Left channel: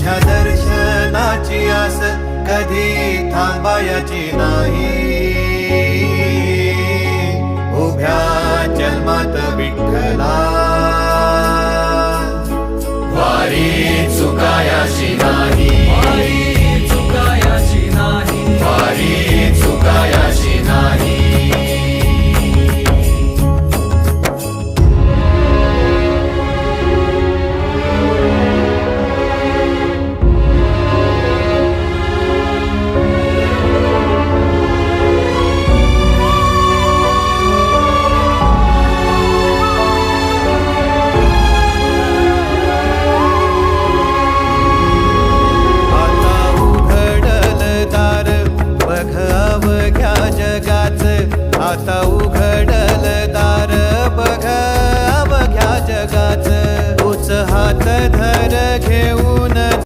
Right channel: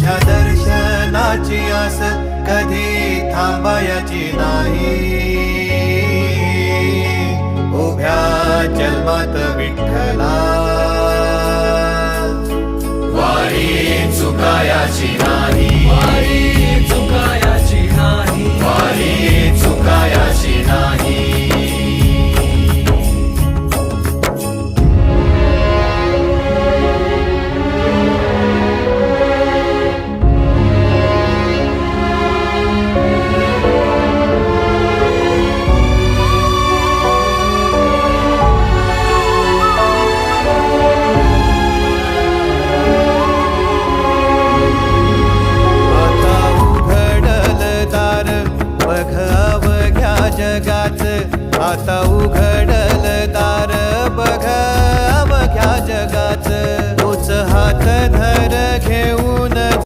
तुझ्या दर्शनाची आस कधी थांबायची नाही. उभ्या जन्मात विठ्ठला वारी चुकायाची नाही. वारी चुकायाची नाही. बघ अवघ्या जगाच, आता उघडल दार बघ अवघ्या जगाच. तूच हात धर घेऊन